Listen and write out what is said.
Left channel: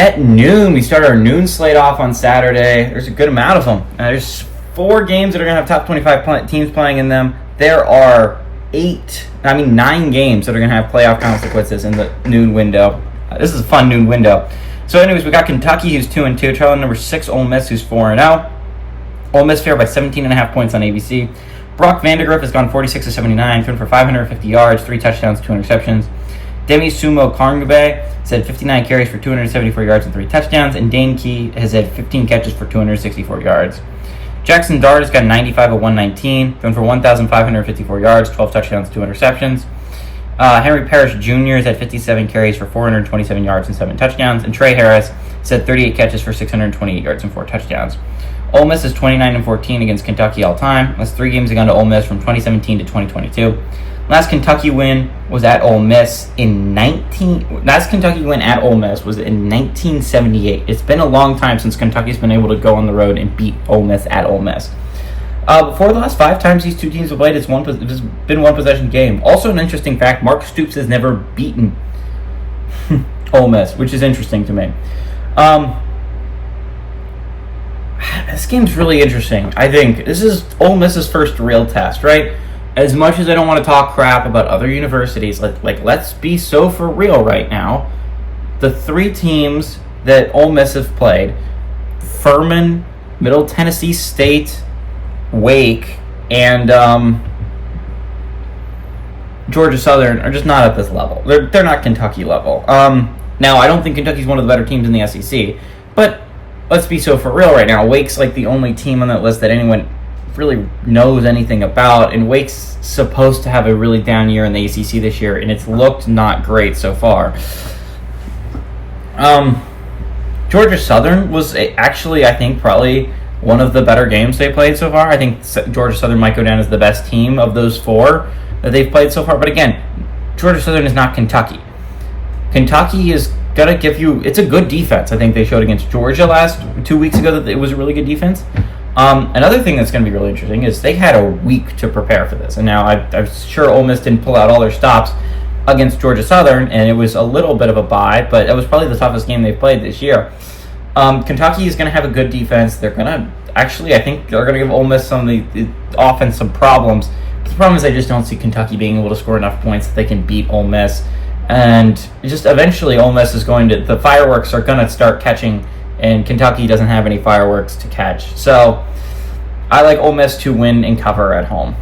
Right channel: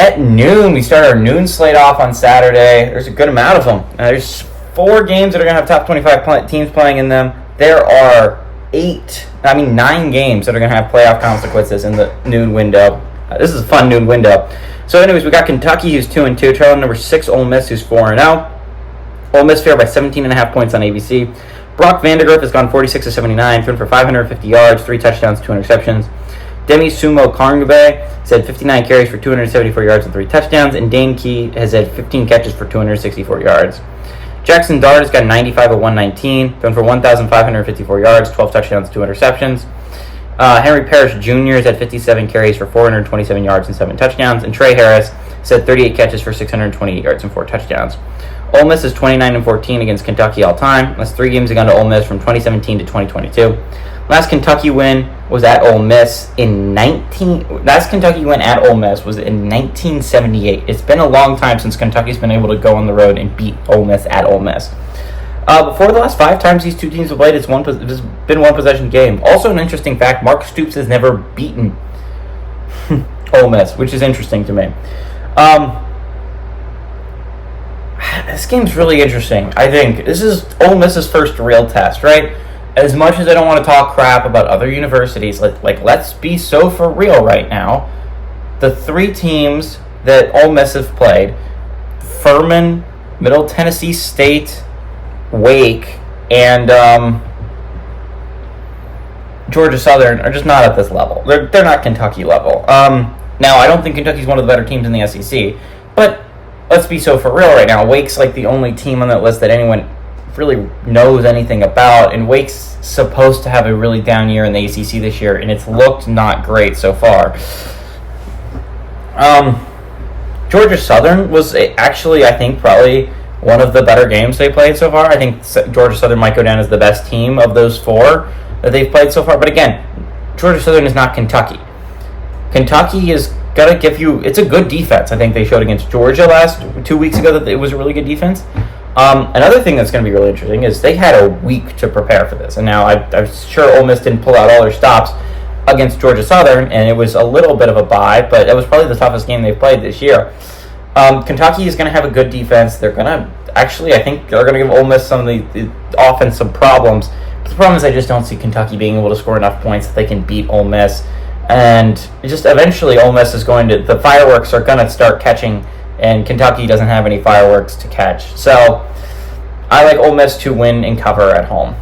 At noon, we start our noon slate off on Saturday. There's a good amount of them. There's 4 games that are going to have top 25 teams playing in them. There are 9 games that are going to have playoff consequences in the noon window. This is a fun noon window. So anyways, we got Kentucky, who's 2-2, trailing number 6 Ole Miss, who's 4-0. Ole Miss favored by 17.5 points on ABC. Brock Vandegrift has gone 46-79, thrown for 550 yards, 3 touchdowns, 2 interceptions. Demi Sumo Karngbe has had 59 carries for 274 yards and 3 touchdowns, and Dane Key has had 15 catches for 264 yards. Jackson Dart has got 95 of 119, thrown for 1,554 yards, 12 touchdowns, 2 interceptions. Henry Parrish Jr. has had 57 carries for 427 yards and 7 touchdowns, and Trey Harris has had 38 catches for 628 yards and 4 touchdowns. Ole Miss is 29-14 against Kentucky all time. That's 3 games against Ole Miss from 2017 to 2022. Last Kentucky win was at Ole Miss Last Kentucky win at Ole Miss was in 1978. It's been a long time since Kentucky's been able to go on the road and beat Ole Miss at Ole Miss. Before the last 5 times these 2 teams have played, it's been one possession game. Also, an interesting fact: Mark Stoops has never beaten Ole Miss, which is interesting to me. This game's really interesting. I think this is Ole Miss's first real test, right? As much as I don't want to talk crap about other universities, let's be so for real right now. The 3 teams that Ole Miss have played, Furman, Middle Tennessee State, Wake, and Georgia Southern, are just not at this level. They're not Kentucky level. Now, I don't think Kentucky's one of the better teams in the SEC, but let's be so for real right now. Wake's like the only team on that list that anyone really knows anything about, and Wake's supposed to have a really down year in the ACC this year, and it's looked not great so far. Georgia Southern was actually, I think, probably one of the better games they played so far. I think Georgia Southern might go down as the best team of those 4 that they've played so far. But again, Georgia Southern is not Kentucky. Kentucky is going to give you... It's a good defense. I think they showed against Georgia 2 weeks ago that it was a really good defense. Another thing that's going to be really interesting is they had a week to prepare for this. And now I'm sure Ole Miss didn't pull out all their stops against Georgia Southern, and it was a little bit of a bye, but it was probably the toughest game they've played this year. Kentucky is going to have a good defense. They're going to... Actually, I think they're going to give Ole Miss some of the offense some problems. But the problem is I just don't see Kentucky being able to score enough points that they can beat Ole Miss. And just eventually Ole Miss is going to... The fireworks are going to start catching, and Kentucky doesn't have any fireworks to catch. So I like Ole Miss to win and cover at home.